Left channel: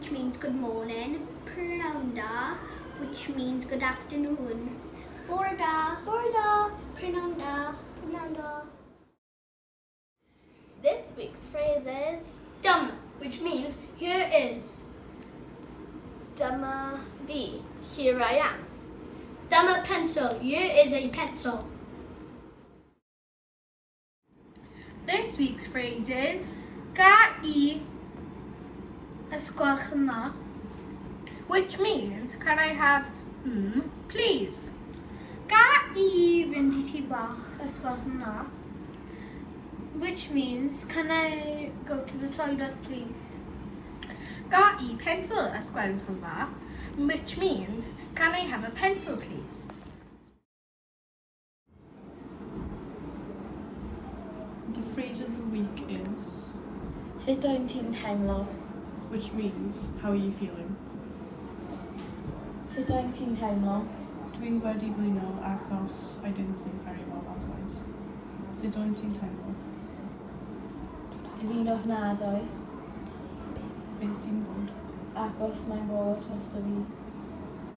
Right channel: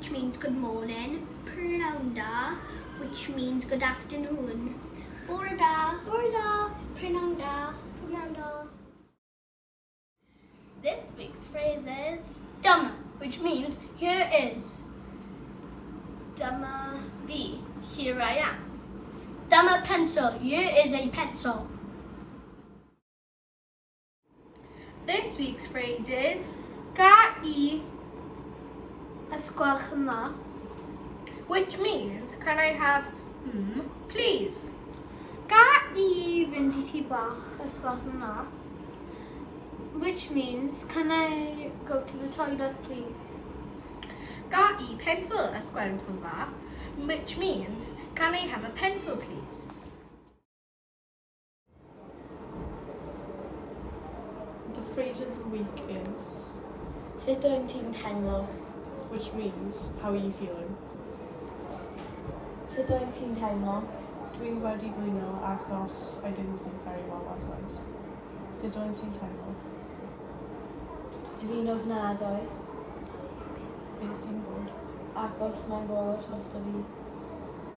which means good morning. Prynhawn, which means good afternoon. Bore da, Prynhawn da. This week's phrase is Dyma, which means here is. Dyma fi, here I am. Dyma pencil, here is a pencil. This week's phrase is Ga I ysgwelch yma, which means can I have please. Ga I fynd I tŷ bach ysgwelch yma, which means can I go to the toilet please. Ga I pencil ysgwelch yma, which means can I have a pencil please. The phrase of the week is, Sut wyt ti'n teimlo? which means, how are you feeling? Sut wyt ti'n teimlo? Dwi'n wedi blino achos I didn't sleep very well last night. Sut wyt ti'n teimlo? Dwi'n ofnadwy, Beth sy'n bod? agos mae'n bod drosto fi.